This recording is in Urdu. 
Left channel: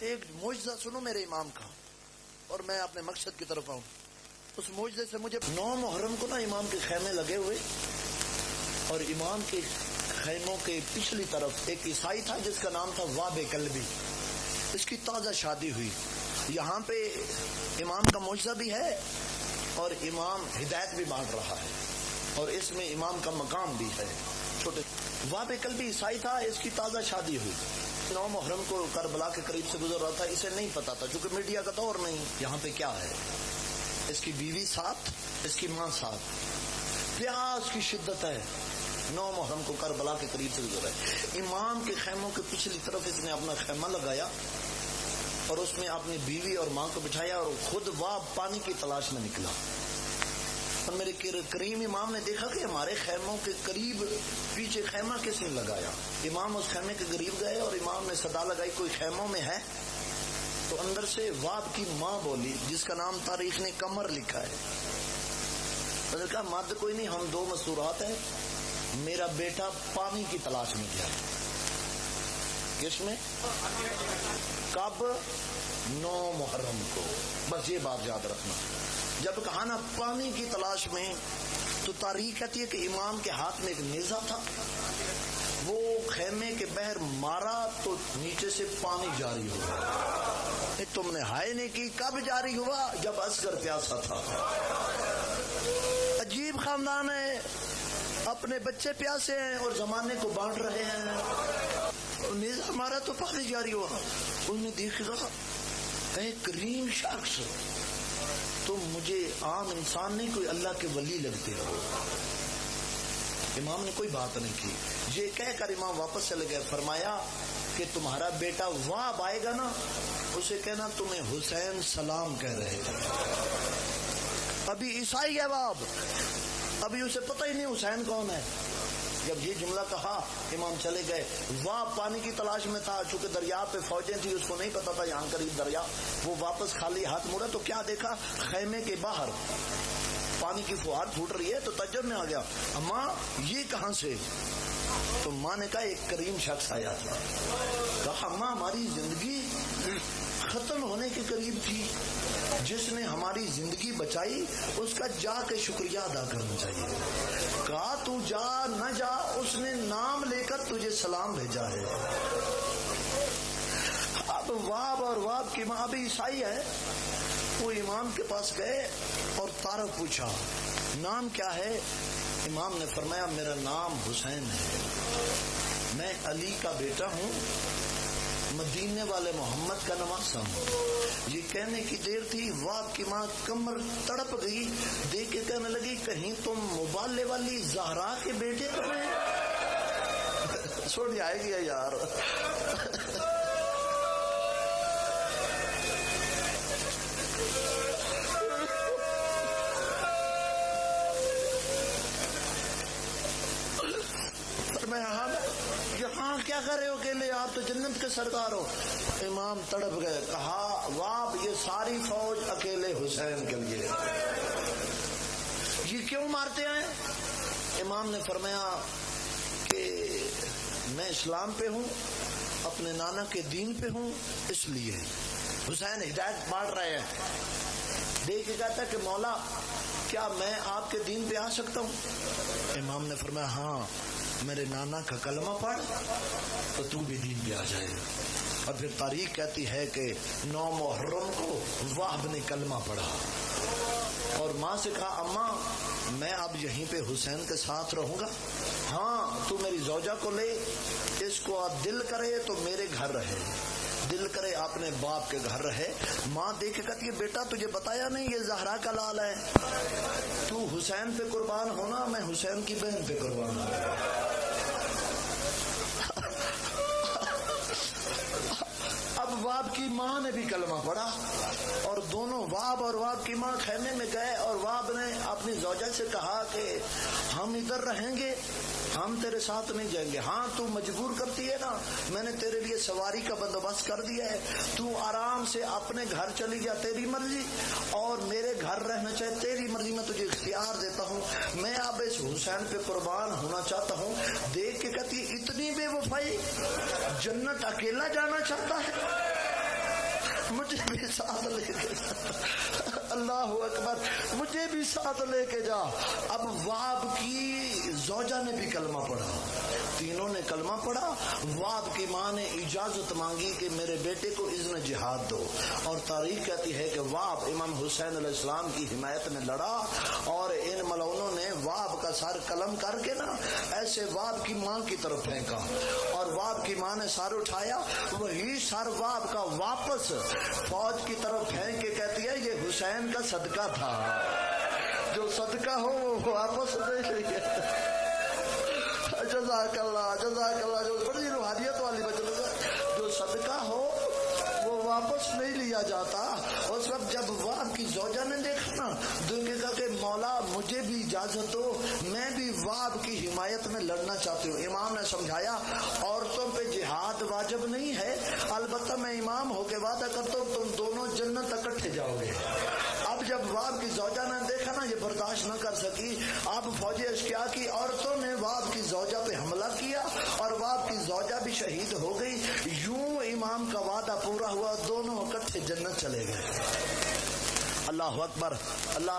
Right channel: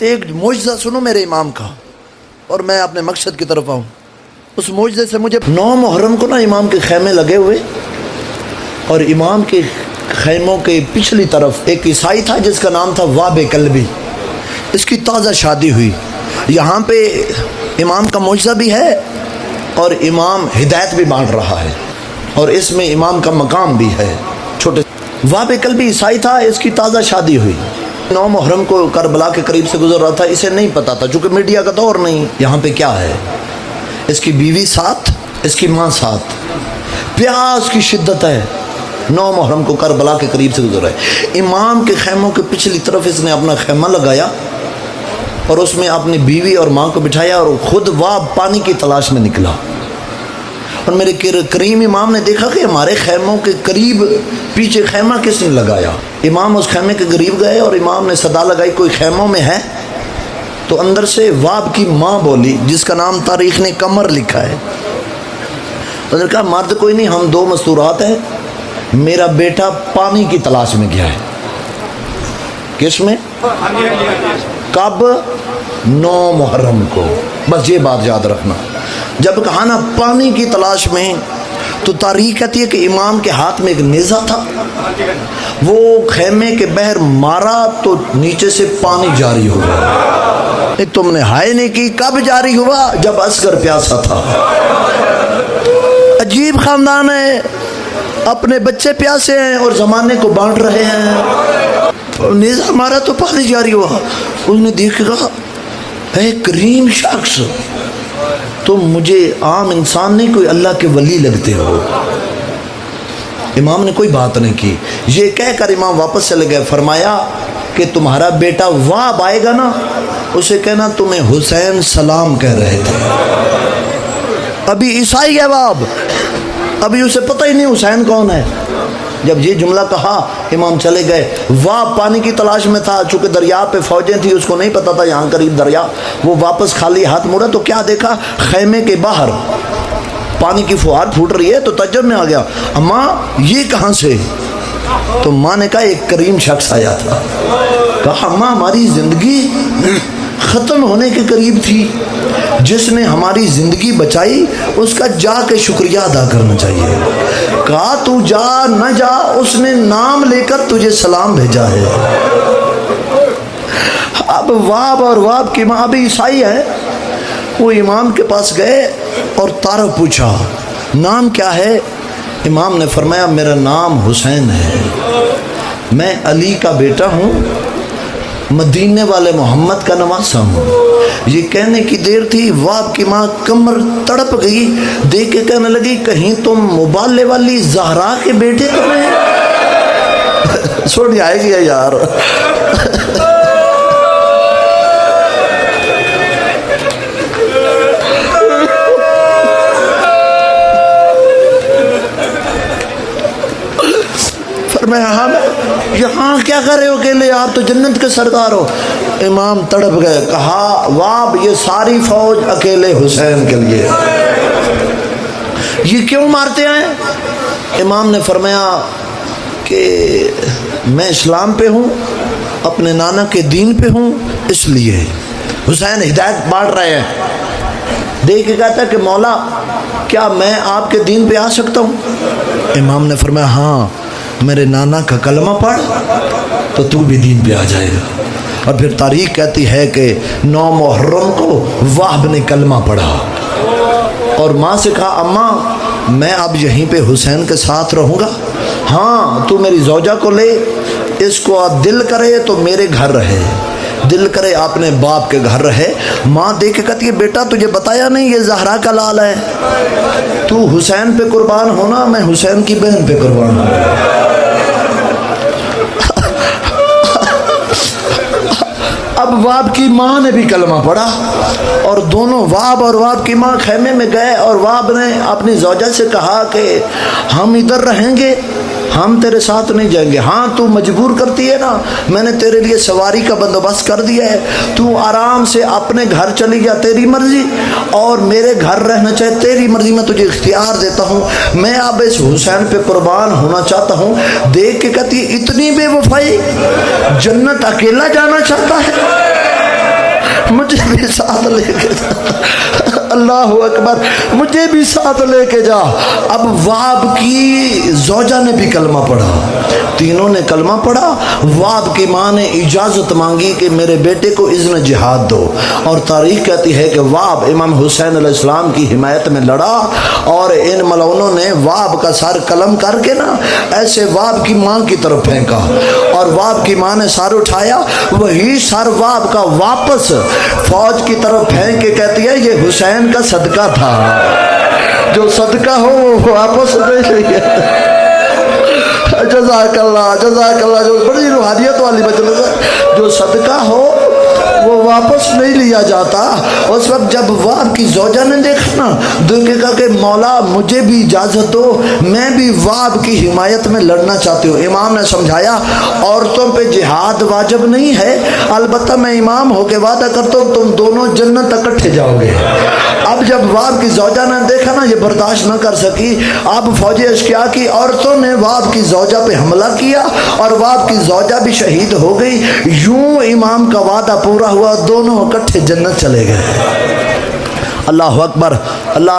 ایک معجزہ سنو میرے امام کا اور میں اپنے مقصد کی طرف آؤں. اس معجزے سے مجھے 9 محرم کو نا امام کے خیمے لگے ہوئے اور امام کے خیموں کے پچھلی طرف ایک عیسائی تھا جس کا نام تھا واب کلبی. اس کی تازہ شادی ہوئی. یہاں پہ امام کا معجزہ بھی ہے اور امام ہدایت بھی بانٹ رہا ہے اور اس میں امام کا مقام بھی ہے. چھوٹے واب کلبی عیسائی تھا, اس کی تازہ شادی ہوئی. 9 محرم کو کربلا کے قریب سے گزر رہا تھا. اسے نہیں پتا تھا چونکہ میڈیا کا دور نہیں. یہاں پہ کیا ہے, اس کی بیوی ساتھ, اس کی ماں ساتھ, پیاس کی شدت ہے. 9 محرم کو کربلا کے قریب سے گزر رہا ہے. امام کے خیموں کے پچھلی طرف اس نے اپنا خیمہ لگایا اور اس میں اپنی بیوی اور ماں کو بٹھایا اور خود واب پانی کی تلاش میں نکلا. اور میرے کریم امام نے دیکھا کہ ہمارے خیموں کے قریب پیچھے خیمہ کس نے لگایا. امام اس خیمے کے قریب گئے اور امام نے صدا لگائی کوئی خیموں میں ہے. تو اندر سے واب کی ماں بولی جس کا نام تاریخ نے قمر لکھا ہے. انہوں نے کہا مرد کوئی نہیں, ہم 2 مستورات ہیں, میرا بیٹا پانی کی تلاش میں گیا ہے. کس میں؟ کب؟ 9 محرم کو. بس یہ بات یاد رکھنا. جب کہا نا پانی کی تلاش میں, تو تاریخ کہتی ہے کہ امام کے ہاتھ میں ایک نیزہ تھا. وہ خیمے کے بہر مارا تو نیچے سے پانی جاری ہوا. تم نے ہائے نہیں کی. کب جاری ہوا؟ جب اصغر پیاسا تھا. عجیب خاندان ہے, اپنے بچے پیاسے ہیں اور زمانے کو بانٹ رہے ہیں. نیزہ مارا تو پانی جاری ہوا. اس نے دیکھا اے کریم شخص, تم مجھے عام انسان نہیں کوئی اللہ کے ولی لگتے ہو. امام نے کوئی بات نہیں کی. یہ کہہ کر امام واپس چلے گئے. فرمایا کہ تمہارا بیٹا واب آئے گا نا, اسے کہنا تمہیں حسین سلام کہہ رہے تھے. ابھی عیسائی ہے واب, ابھی اسے پتہ ہی نہیں حسین کون ہے. جب یہ جملہ کہا امام چلے گئے. واب پانی کی تلاش میں تھا, چونکہ دریا پہ فوجیں تھی, اس کو نہیں پتا تھا یہاں قریب دریا. وہ واپس خالی ہاتھ مڑا تو کیا دیکھا, خیمے کے باہر پانی کی فوار پھوٹ رہی ہے. تو تعجب میں آ گیا, اماں یہ کہاں سے؟ تو ماں نے کہا ایک کریم شخص آیا تھا. کہا اماں ہماری زندگی ختم ہونے کے قریب تھی, جس نے ہماری زندگی بچائی اس کا جا کے شکریہ ادا کرنا چاہیے. کہا تو جا نہ جا, اس نے نام لے کر تجھے سلام بھیجا ہے. اب واب اور واب کی ماں بھی عیسائی ہے. وہ امام کے پاس گئے اور تعارف پوچھا, نام کیا ہے؟ امام نے فرمایا میرا نام حسین ہے, میں علی کا بیٹا ہوں, مدینے والے محمد کا نواسہ ہوں. یہ کہنے کی دیر تھی, واب کی ماں کمر تڑپ گئی. دیکھ کے کہنے لگی کہیں تم مبالے والی زہرا کے بیٹے تو نہیں؟ سوڑی آئے گی یار. فرمایا ہاں, یہاں کیا کر رہے ہو اکیلے, آپ تو جنت کے سردار ہو. امام تڑپ گئے. کہا واب یہ ساری فوج اکیلے حسین کے لیے, یہ کیوں مارتے ہیں؟ امام نے فرمایا کہ میں اسلام پہ ہوں, اپنے نانا کے دین پہ ہوں, اس لیے. حسین ہدایت بانٹ رہے ہیں. دیکھ کے کہتا ہے کہ مولا کیا میں آپ کے دین پہ آ سکتا ہوں؟ امام نے فرمایا ہاں, میرے نانا کا کلمہ پڑھ تو تو بھی دین پہ آ جائے گا. اور پھر تاریخ کہتی ہے کہ 9 محرم کو وہب نے کلمہ پڑھا اور ماں سے کہا اماں میں اب یہیں پہ حسین کے ساتھ رہوں گا. ہاں تو میری زوجہ کو لے, اس کو دل کرے تو میرے گھر رہے, دل کرے اپنے باپ کے گھر رہے. ماں دیکھ کے کہتی ہے بیٹا تجھے بتایا نہیں یہ زہرا کا لال ہے, تو حسین پہ قربان ہونا, میں حسین کی بہن پہ قربان ہوں. اب واب کی ماں نے بھی کلمہ پڑھا اور دونوں واب اور واب کی ماں خیمے میں گئے. اور واب نے اپنی زوجہ سے کہا کہ ہم ادھر رہیں گے, ہم تیرے ساتھ نہیں جائیں گے. ہاں تو مجبور کرتی ہے نا, میں نے تیرے لیے سواری کا بندوبست کر دیا ہے, تو آرام سے اپنے گھر چلی جا, تیری مرضی, اور میرے گھر رہنا چاہے تیری مرضی, میں تجھے اختیار دیتا ہوں. میں اب اس حسین پہ قربان ہونا چاہتا ہوں. دیکھ کے کہتی اتنی بے وفائی, جنت اکیلا جانا چاہتا ہے. مجھے بھی ساتھ لے کے جا، اللہ اکبر، مجھے بھی ساتھ لے کے جا۔ اب واب کی زوجہ نے بھی کلمہ پڑھا، تینوں نے کلمہ پڑھا۔ واب کی ماں نے اجازت مانگی کہ میرے بیٹے کو اذن جہاد دو، اور تاریخ کہتی ہے کہ واب امام حسین علیہ السلام کی حمایت میں لڑا، اور ان ملعونوں نے واب کا سر قلم کر کے نا ایسے واب کی ماں کی طرف پھینکا، اور واب کی ماں نے سر اٹھایا، وہی سر واب کا واپس فوج کی طرف پھینک کے کہتی ہے یہ حسین کا صدقہ تھا، جو صدقہ ہو وہ واپس دے لیا۔ جزاک اللہ، جزاک اللہ، جو بڑی روحانیت والی مجلس ہے، جو صدقہ ہو وہ واپس نہیں لیا جاتا۔ اس وقت جب واب کی زوجہ نے دیکھا نا، دیکھے گا کہ مولا مجھے بھی اجازت دو، میں بھی واب کی حمایت میں لڑنا چاہتی ہوں۔ امام نے سمجھایا عورتوں پہ جہاد واجب نہیں ہے، البتہ میں امام ہو کے وعدہ کرتا ہوں تم دونوں جنت اکٹھے جاؤ گے۔ اب جب واب کی زوجہ نے دیکھا نا یہ برداشت نہ کر سکی، اب فوجی اشقیاء کی عورتوں نے واب کی زوجہ پہ حملہ کیا، اور واب کی زوجہ بھی شہید ہو گئی۔ یوں امام کا وعدہ پورا ہوا، دونوں اکٹھے جنت چلے گئے۔ اللہ اکبر، اللہ